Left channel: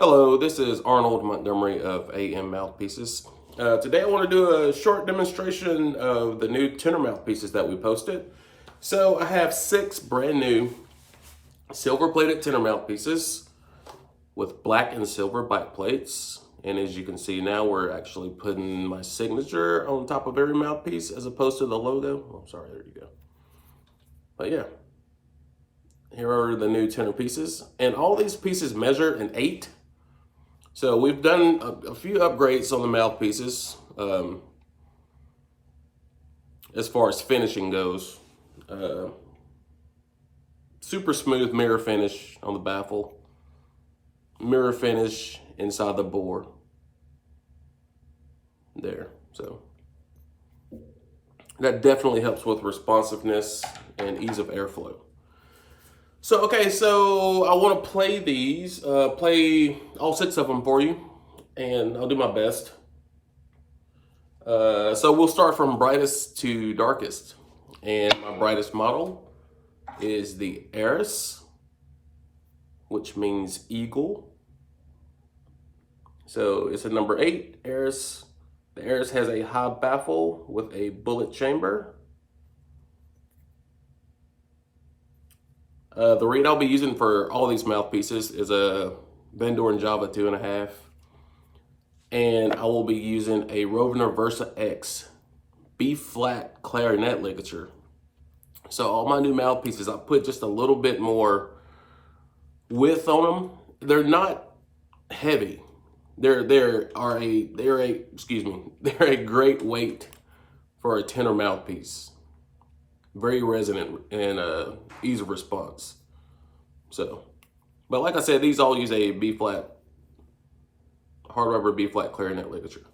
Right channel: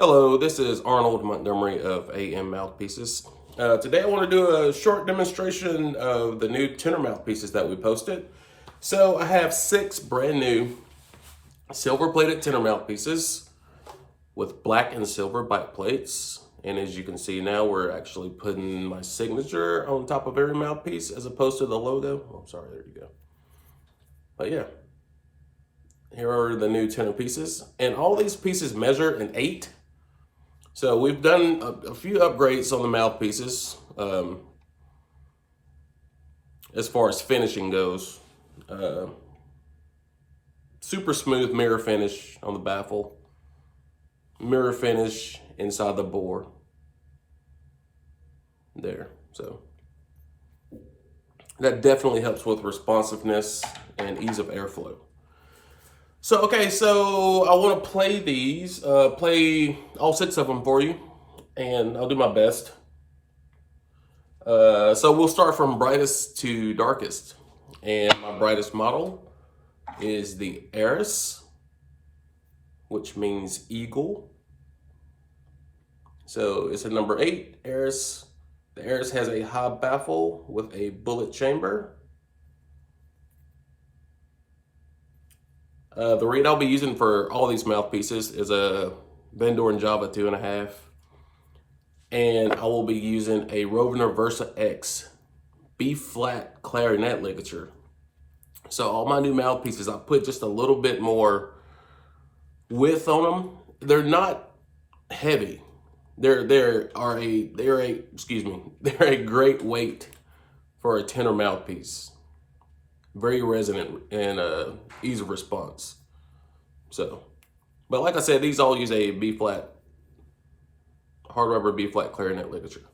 Hello, this is Arnold Montgomery of AM Mouthpieces. Today I want to do a short demonstration of the new tenor mouthpieces that we posted. So I have 6 brand new silver plated tenor mouthpieces with black and silver bite plates. And as you can see now, we're actually putting my signature on top of every mouthpiece as opposed to the logo. Oh, sorry, there you go. But yeah, here are the new tenor pieces. And all these pieces measure an 8. So we've done a few upgrades on the mouthpieces as far as finishing goes. Super smooth mirror finish on the baffle, mirror finish inside the bore. There, so that definitely helps with responsiveness and ease of airflow. So, okay, so I want to play these, play all 6 of them for you, and I'll do my best. So we'll start from brightest to darkest. And my brightest model is the Heiress, which means eagle. So it's a number 8, Heiress. The Heiress has a high baffle with a bullet chamber. The reed I'll be using for all these mouthpieces is a Vendor and Java 2.5. And I will be using a Rovner Versa X B-flat clarinet ligature. So all my new mouthpieces, I put just a little bit more width on them. They're not heavy. They're a great weight for a tenor mouthpiece. Very resonant and ease of response. So, but like I said, these all use a B-flat, hard rubber B-flat clarinet ligature.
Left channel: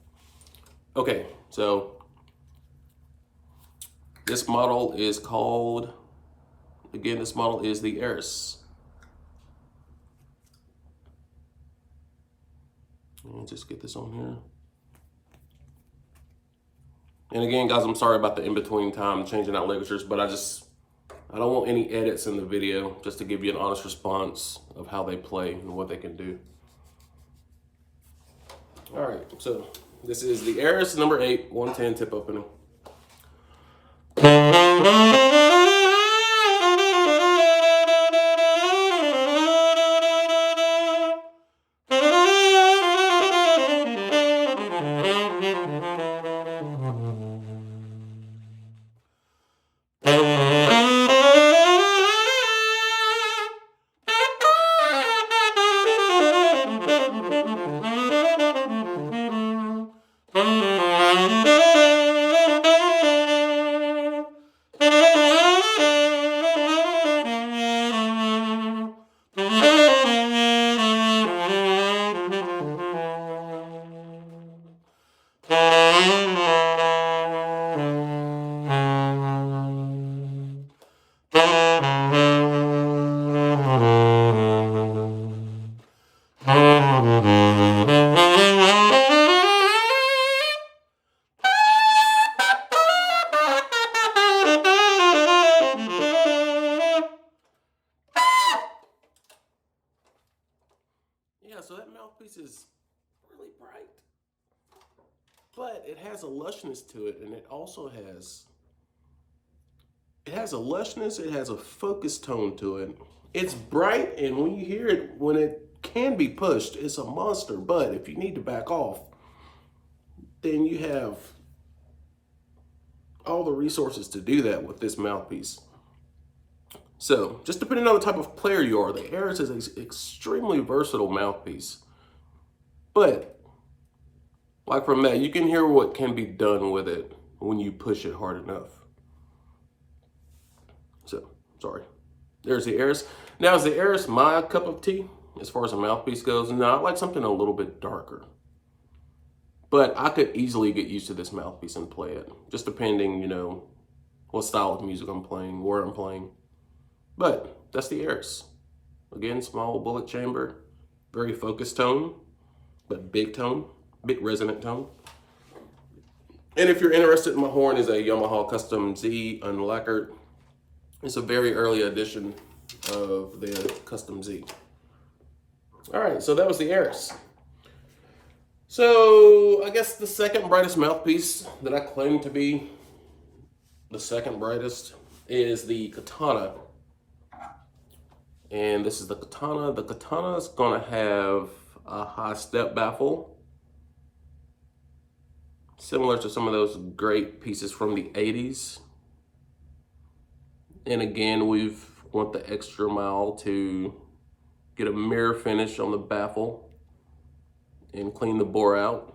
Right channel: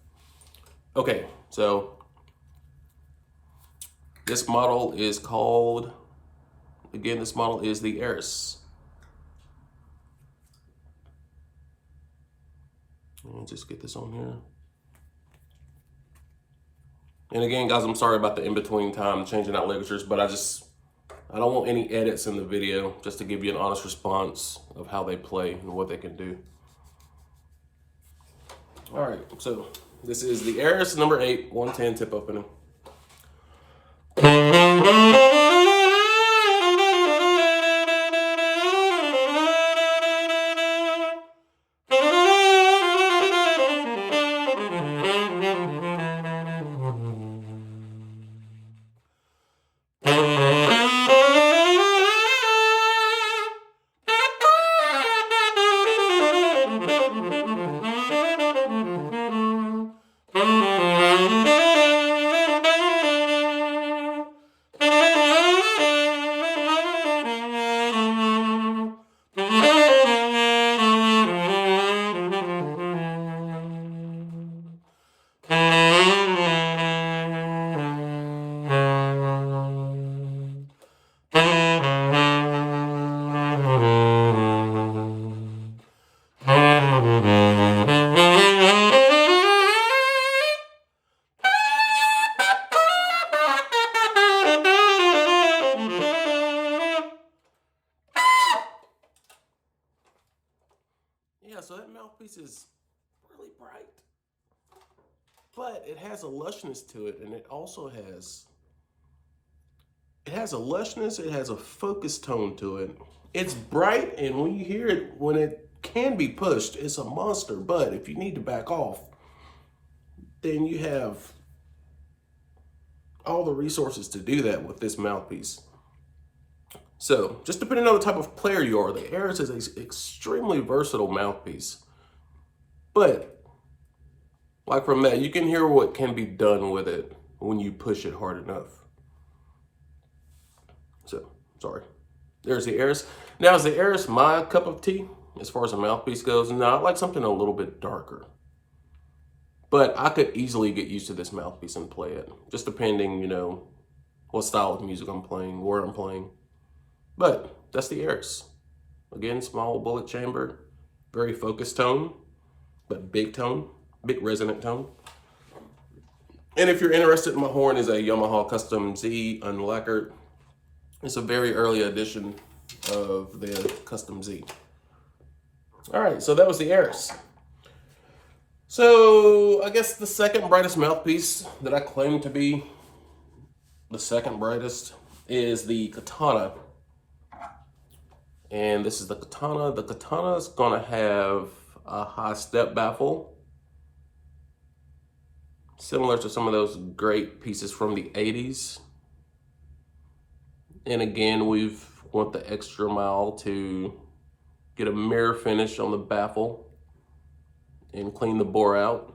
Okay, so this model is called, again, this model is the Heiress. And just get this on here. And again, guys, I'm sorry about the in-between time changing out ligatures, but I don't want any edits in the video, just to give you an honest response of how they play and what they can do. All right, so this is the Heiress number 8, 110 tip opening. Yeah, so that mouthpiece is really bright, but it has a lushness to it, and it also has a lushness, it has a focus tone to it. It's bright, and when you hear it, when it can be pushed, it's a monster, but if you need to back off, then you have all the resources to do that with this mouthpiece. So, just depending on the type of player you are, the Heiress is an extremely versatile mouthpiece. But, like from that, you can hear what can be done with it when you push it hard enough. So, sorry. There's the Heiress. Now, is the Heiress my cup of tea as far as a mouthpiece goes? No, I like something a little bit darker. But I could easily get used to this mouthpiece and play it. Just depending, what style of music I'm playing, where I'm playing. But that's the Heiress. Again, small bullet chamber, very focused tone, but big resonant tone. And if you're interested, my horn is a Yamaha Custom Z unlacquered. It's a very early edition of the Custom Z. All right, so that was the Heiress. So I guess the second brightest mouthpiece that I claim to be the second brightest is the Katana. And this is the Katana. The Katana is gonna have a high step baffle, similar to some of those great pieces from the 80s. And again, we've went the extra mile to get a mirror finish on the baffle and clean the bore out.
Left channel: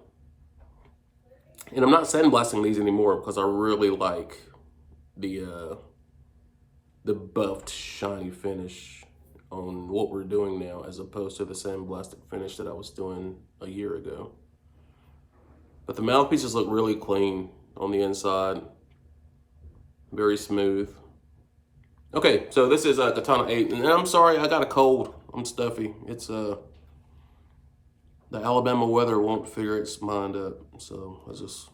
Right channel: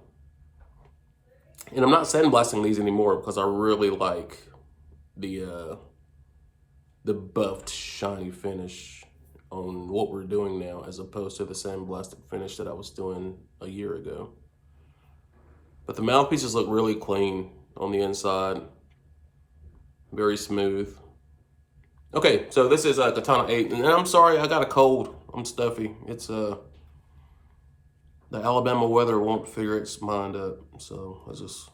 And I'm not sandblasting these anymore because I really like the buffed shiny finish on what we're doing now, as opposed to the sandblasted finish that I was doing a year ago. But the mouthpieces look really clean on the inside, very smooth. Okay, so this is a Katana 8, and I'm sorry, I got a cold. I'm stuffy. It's the Alabama weather won't figure its mind up, so I just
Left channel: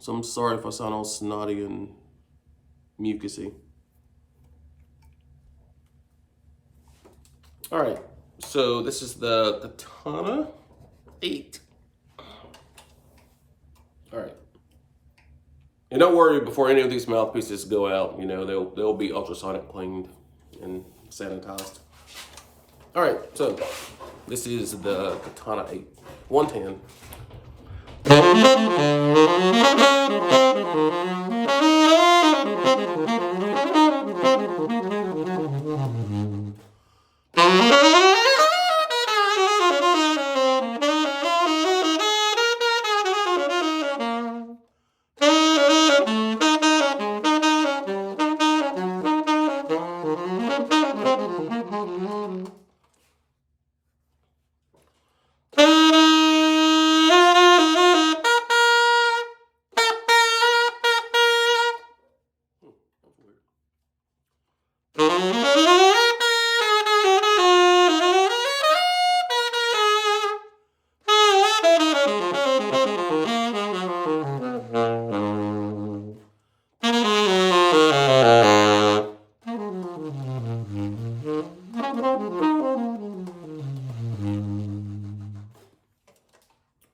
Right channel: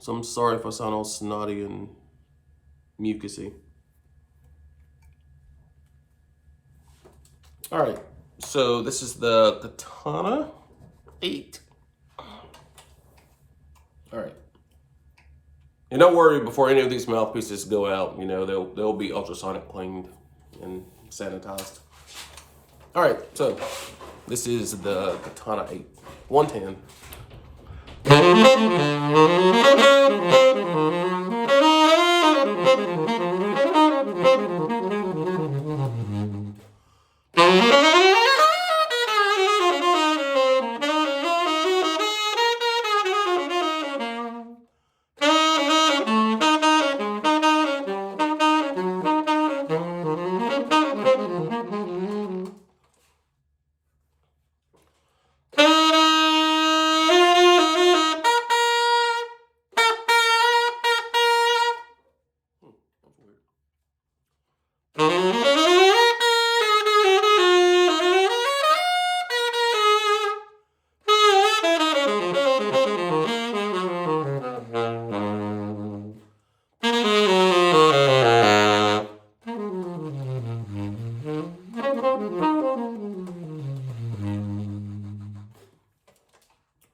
so I'm sorry if I sound all snotty and mucusy. All right, so this is the Katana 8. All right. And don't worry, before any of these mouthpieces go out, you know, they'll be ultrasonic cleaned and sanitized. All right, so this is the Katana 8, 110.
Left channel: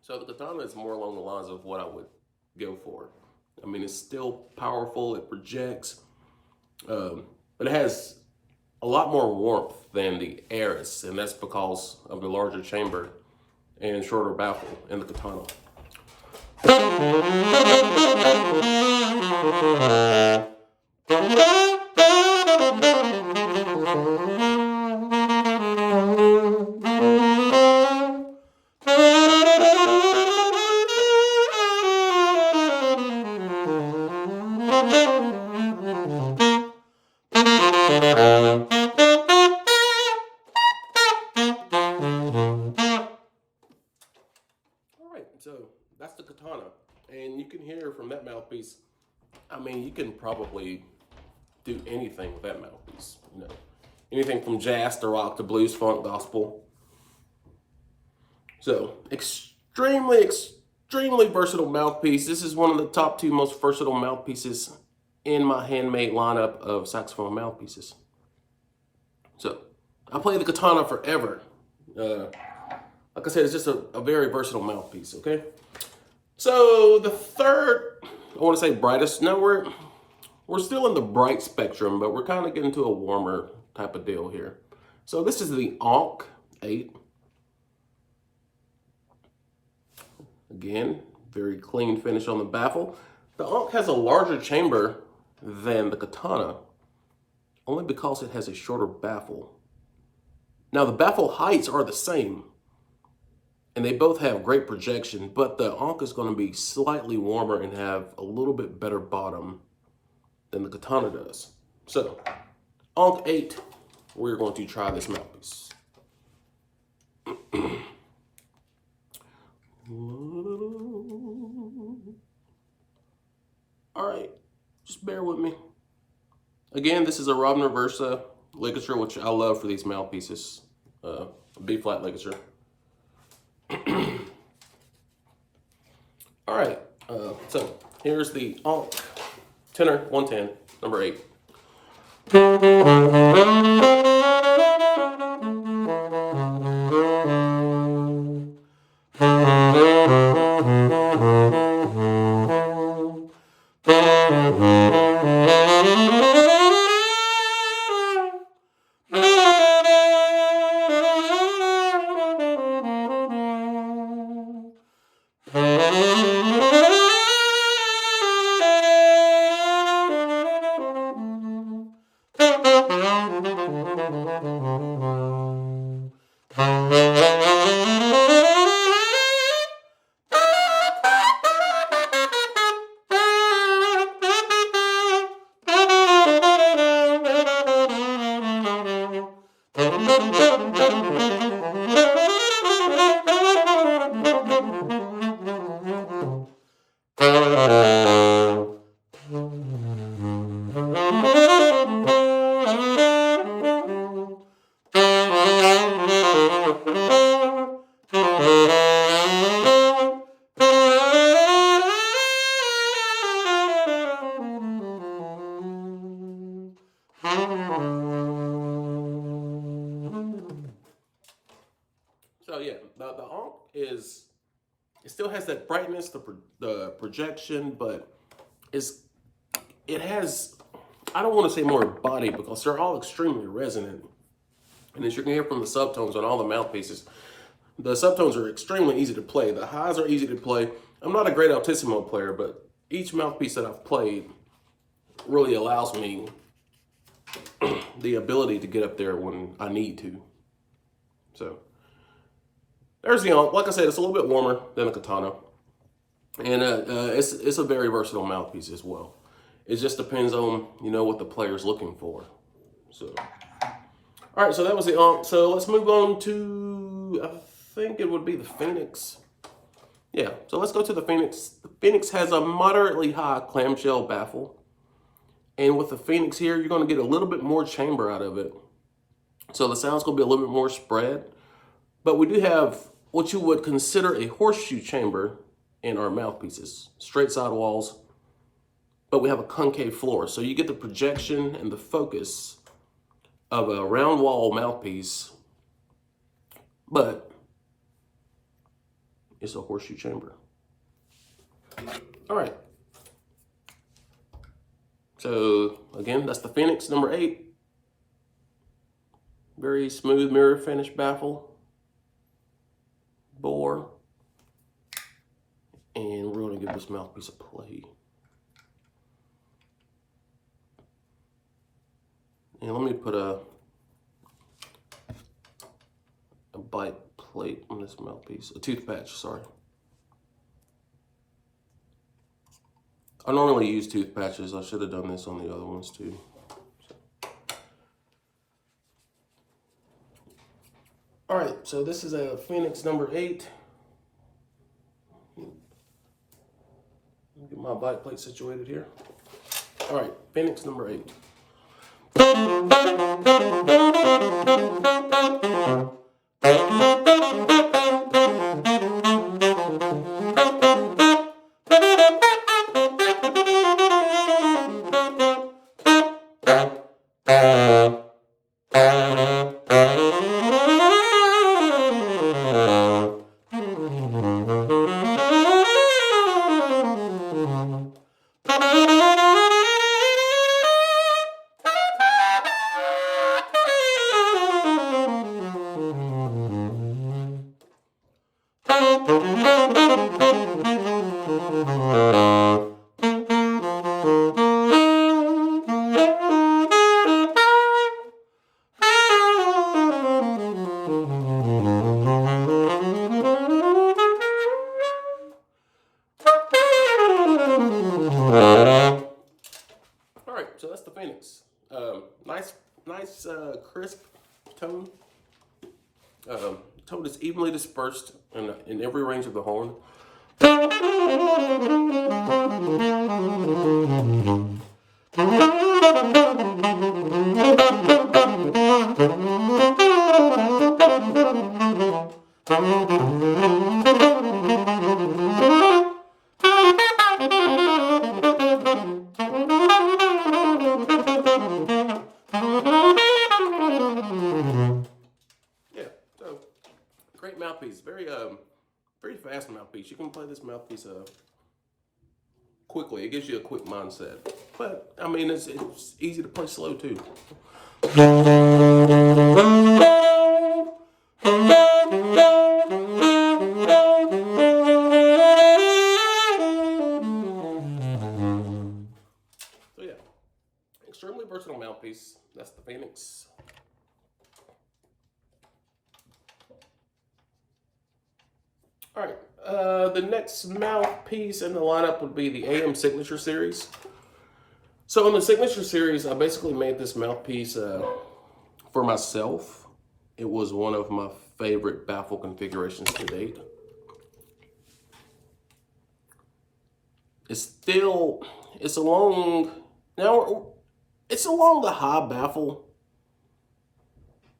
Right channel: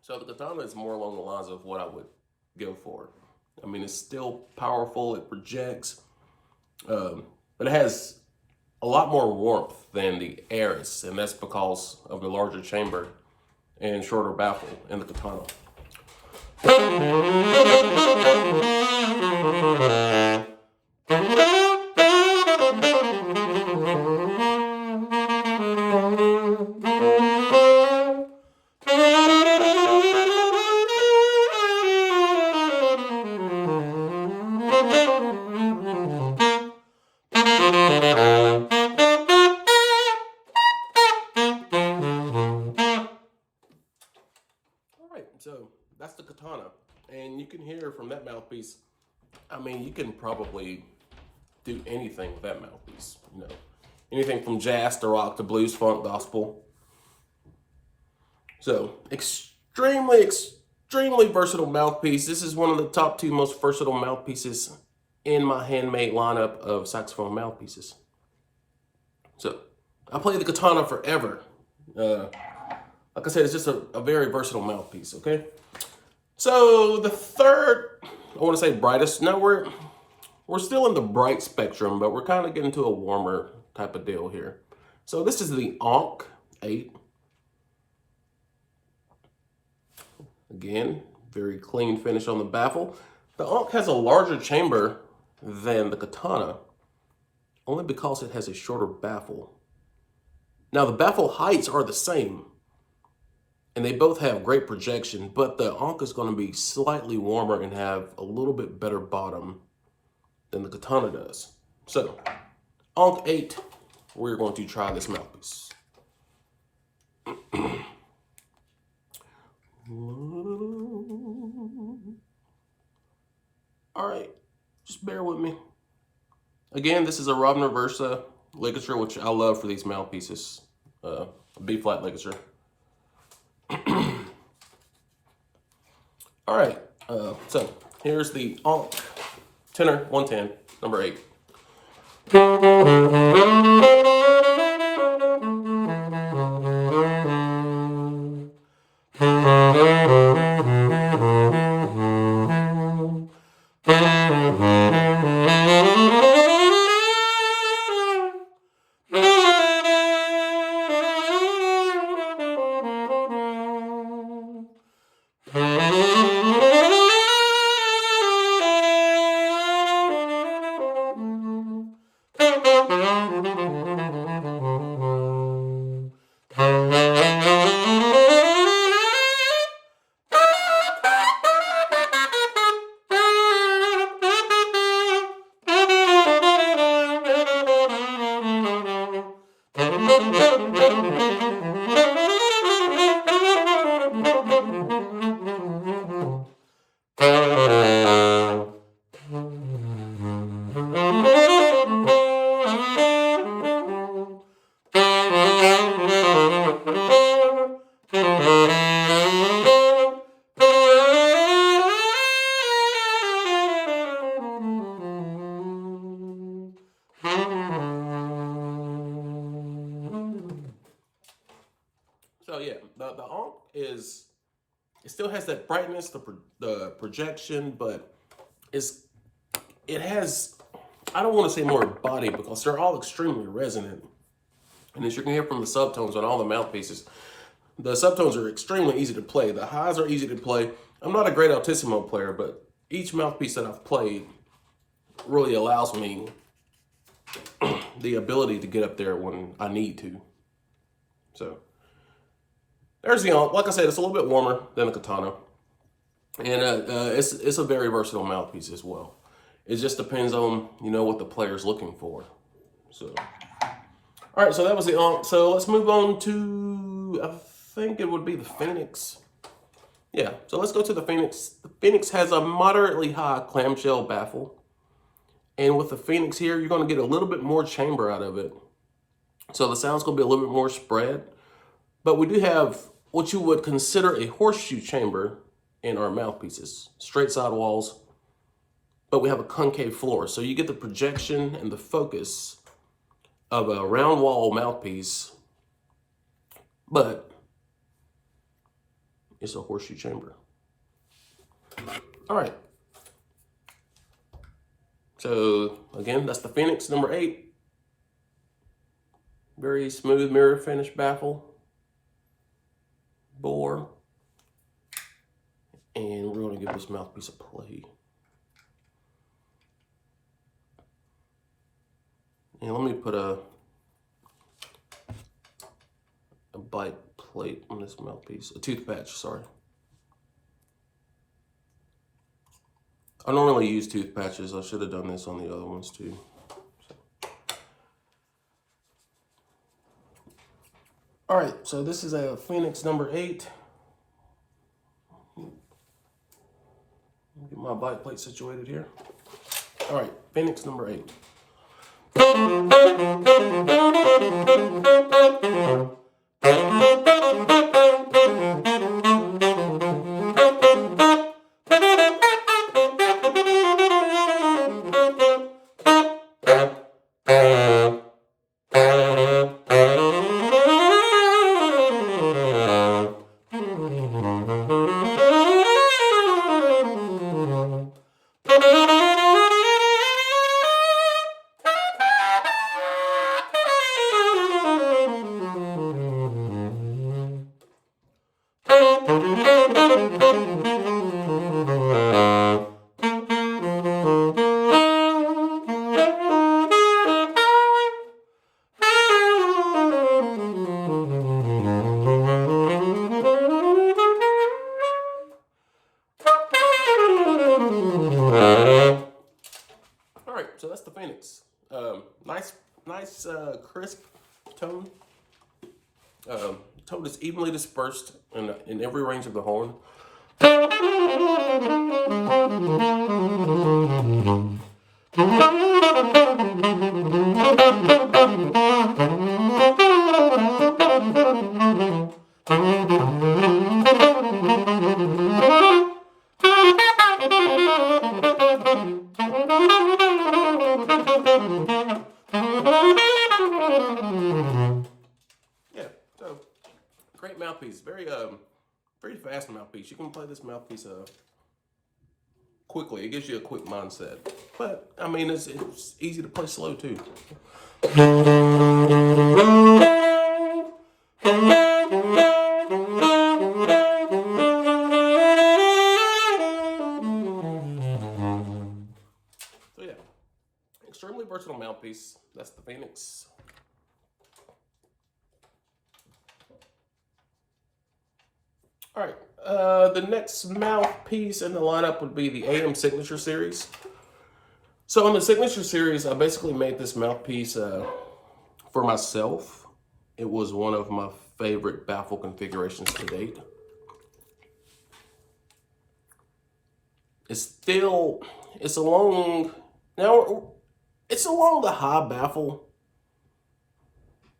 So the Katana is more along the lines of what I would go for. I mean, it's still powerful, it projects, but it has a lot more warmth than the Heiress, and that's because of the larger chamber and shorter baffle in the Katana. So that's the Katana, and you can hear from that mouthpiece, I mean, you can probably do anything with that mouthpiece, you know, anything from jazz to rock to blues, funk, gospel. So extremely versatile mouthpiece. This is one of the top 2 most versatile mouthpieces in my Handmade lineup of saxophone mouthpieces. So I play the Katana forever. Like I said, it's just a very versatile mouthpiece, okay? So the third, I want to say brightest. No, we're still in the bright spectrum, but we're kind of getting to a warmer type of deal here. So this is the Ankh 8. Again, very clean finish on the baffle. The Ankh has a larger chamber than the Katana, only because it has a shorter baffle. Now the baffle heights are the same, and they both have great projection, but the Ankh is going to be slightly warmer and have a little bit better bottom than the Katana does. So, Ankh 8, we're going to try this mouthpiece. All right, just bear with me. Again, this is a Robner Versa ligature, which I love for these mouthpieces. A B-flat ligature. All right, so here's the Ankh Tenor 110, number 8. So yeah, the Ankh is, it still has that brightness, the projection, but it has, I don't want to say more body because they're all extremely resonant. And as you can hear from the subtones on all the mouthpieces, the subtones are extremely easy to play. The highs are easy to play. I'm not a great altissimo player, but each mouthpiece that I've played really allows me the ability to get up there when I need to. So there's the Ankh. Like I said, it's a little bit warmer than the Katana. And it's a very versatile mouthpiece as well. It just depends on, you know, what the player's looking for. So, all right, so that was the Ankh. So let's move on to, I think it would be the Phoenix. Yeah, so let's go to the Phoenix. The Phoenix has a moderately high clamshell baffle. And with the Phoenix here, you're going to get a little bit more chamber out of it. So the sound's going to be a little bit more spread. But we do have what you would consider a horseshoe chamber in our mouthpieces. Straight side walls, but we have a concave floor. So you get the projection and the focus of a round wall mouthpiece, but it's a horseshoe chamber. All right. So again, that's the Phoenix number 8. Very smooth mirror finish baffle, bore, and we're going to give this mouthpiece a play. And let me put a bite plate on this mouthpiece, a tooth patch, sorry. I normally use tooth patches. I should have done this on the other ones too. All right, so this is a Phoenix number 8. Get my bite plate situated here. All right, Phoenix number 8. So that's the Phoenix. Nice crisp tone. Tone is evenly dispersed in every range of the horn. Yeah, so great mouthpiece. Very fast mouthpiece. You can play this mouthpiece quickly. It gives you a quick mindset. But I mean, it's easy to play slow too. So yeah, extremely versatile mouthpiece. That's the Phoenix. All right, the next mouthpiece in the lineup would be the AM Signature Series. So in the Signature Series, I basically made this mouthpiece for myself. it was one of my favorite baffle configurations to date. It's along the high baffle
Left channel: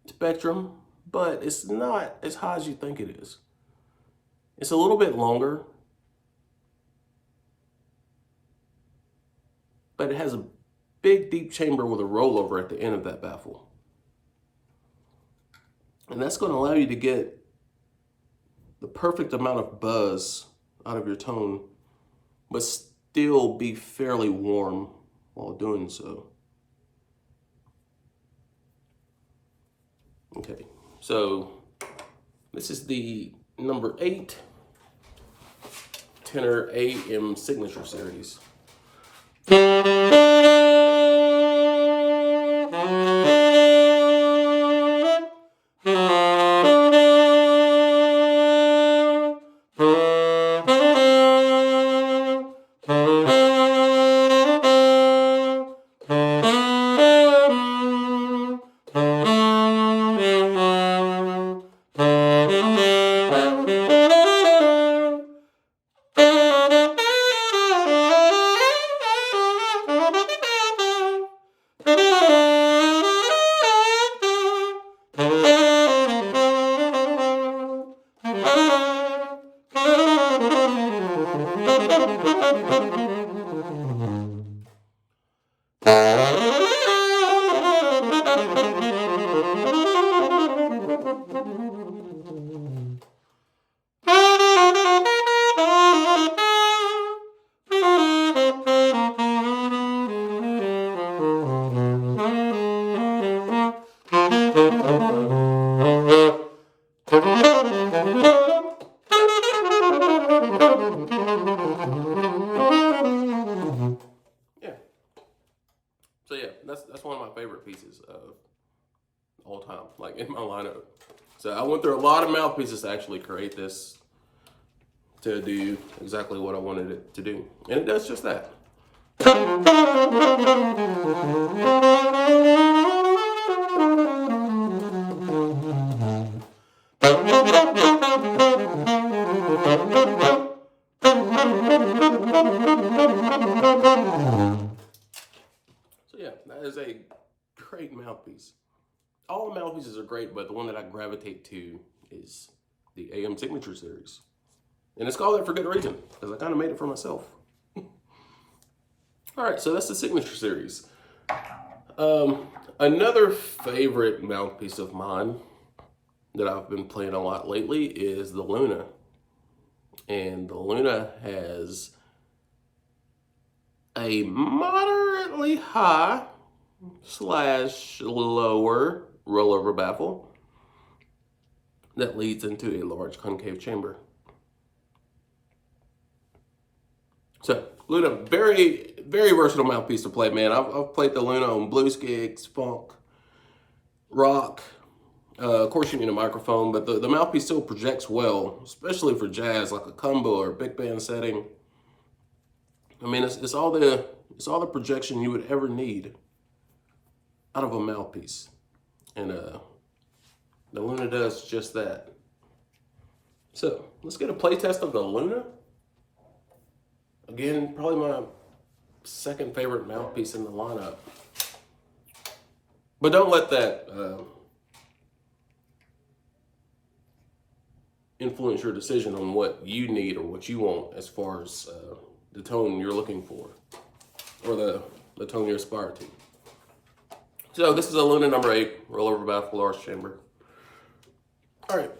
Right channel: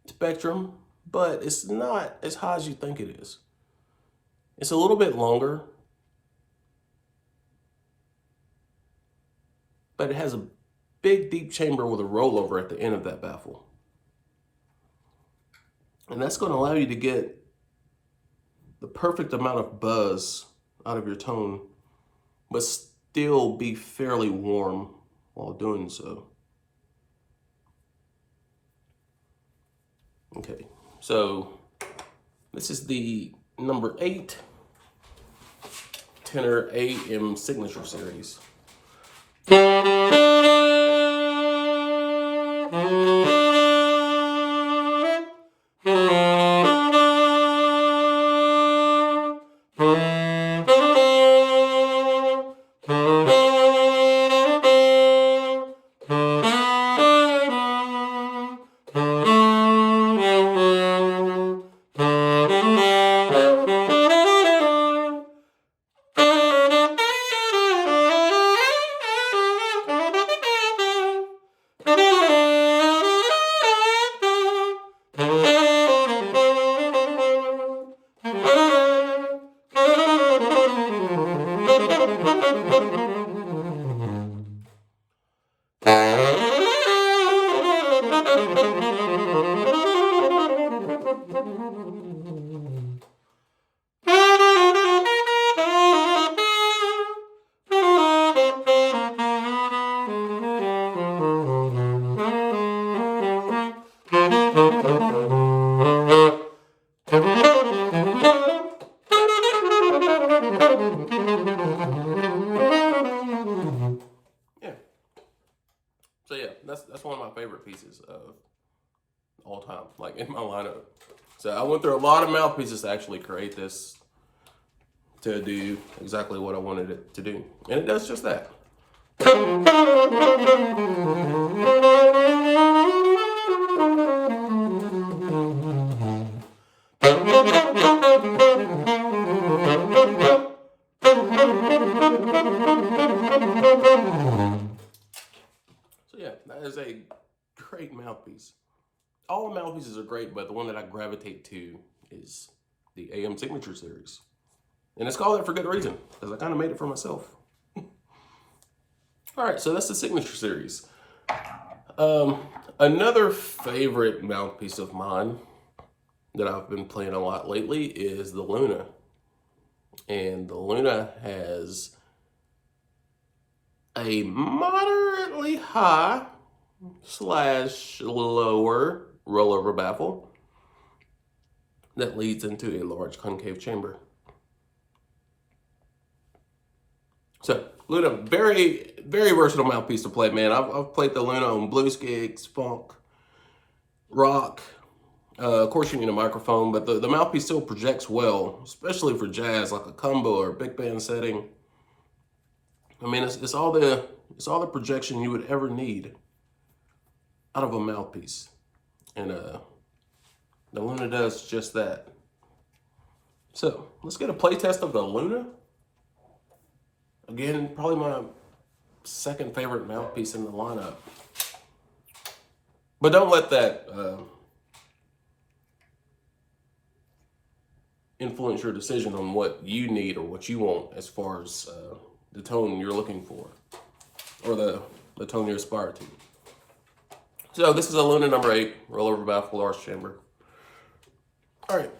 spectrum, but it's not as high as you think it is. It's a little bit longer, but it has a big deep chamber with a rollover at the end of that baffle. And that's going to allow you to get the perfect amount of buzz out of your tone, but still be fairly warm while doing so. Okay, so this is the number 8 Tenor AM Signature Series. Yeah. So yeah, that's one of my favorite pieces of all time, like in my lineup. So I went through a lot of mouthpieces to actually create this to do exactly what I wanted it to do. And it does just that. So yeah, that is a great mouthpiece. All the mouthpieces are great, but the one that I gravitate to is the AM Signature Series. And it's called that for good reason, because I kind of made it for myself. All right, so that's the Signature Series. Another favorite mouthpiece of mine that I've been playing a lot lately is the Luna. And the Luna has a moderately high / lower rollover baffle that leads into a large concave chamber. So Luna, very, very versatile mouthpiece to play, man. I've played the Luna on blues gigs, funk, rock. Of course, you need a microphone, but the mouthpiece still projects well, especially for jazz, like a combo or big band setting. I mean, it's all the projection you would ever need out of a mouthpiece, and the Luna does just that. So let's get a play test of the Luna. Again, probably my second favorite mouthpiece in the lineup. But don't let that influence your decision on what you need or what you want as far as the tone you're looking for, or the tone you aspire to. So this is a Luna number 8, rollover baffle, large chamber. All right.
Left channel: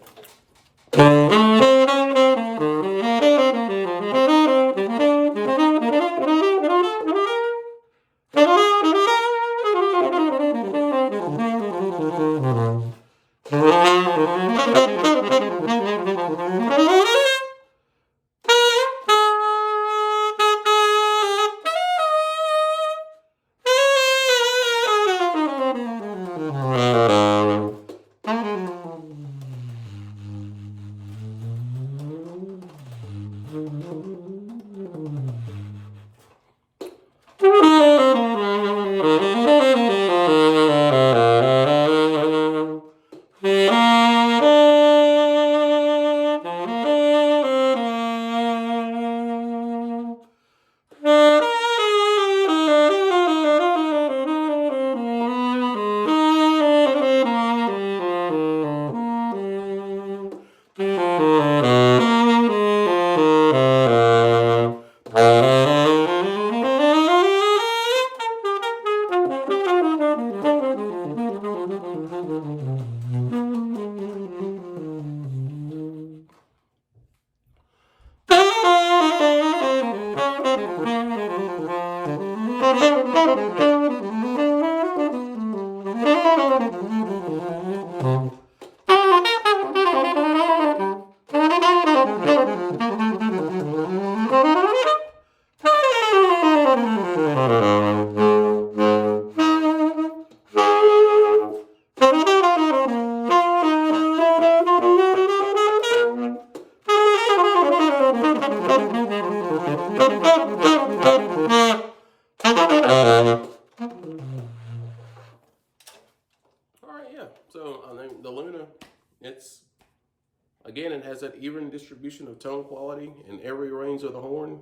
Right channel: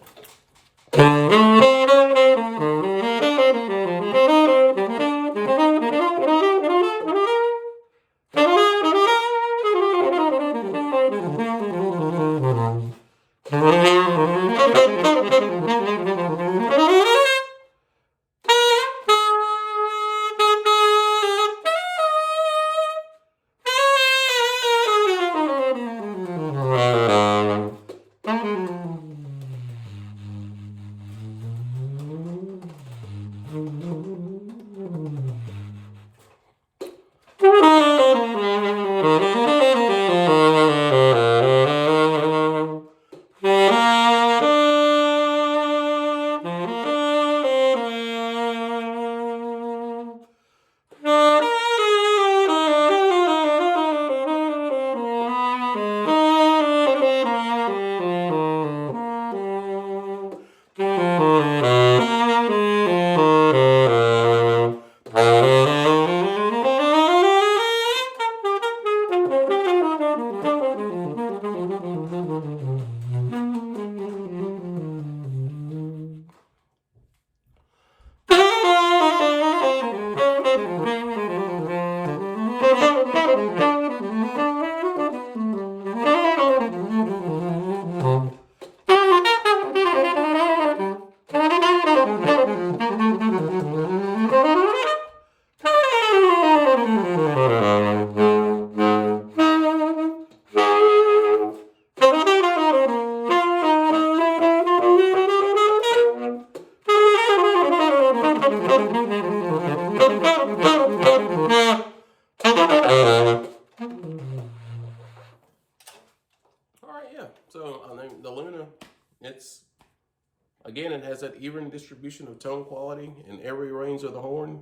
Again, it has that even distribution of tone quality in every range of the horn.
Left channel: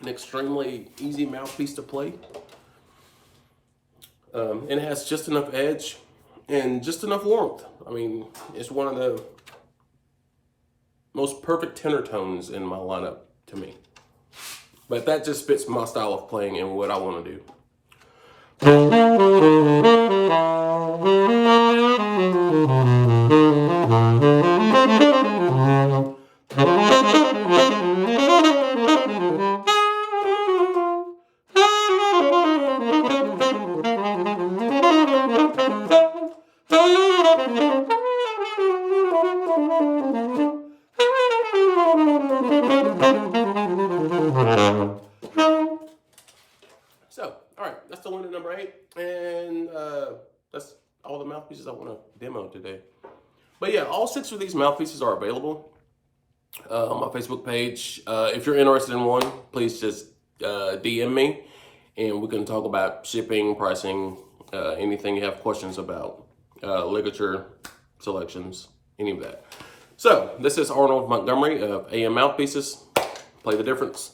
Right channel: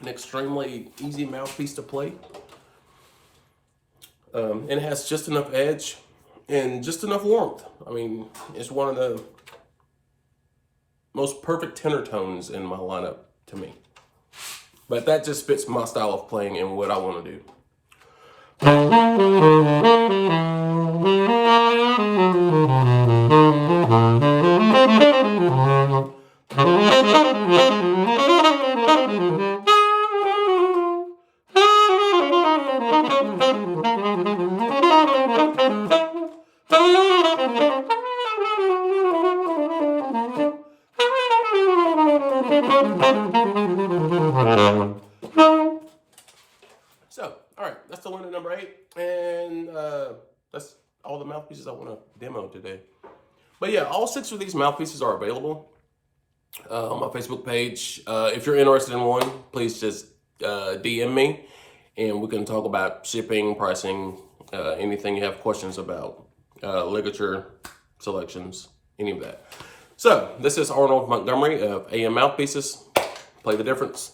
An extremely easy mouthpiece to play. It has just enough edge and just enough warmth. I mean, it's one of the most perfect tenor tones in my lineup to me. But that just fits my style of playing and what I want to do. So, all right, that's the one at number 8, and that's all the mouthpieces I want to demo today. But yeah, all 6 of these mouthpieces are available on my Facebook page. If you're interested in one, please just DM me, and we can talk about shipping, pricing, anything you have questions about, ligature, selections, any of that. So, this is Arnold Montgomery of AM Mouthpieces. Play the difference.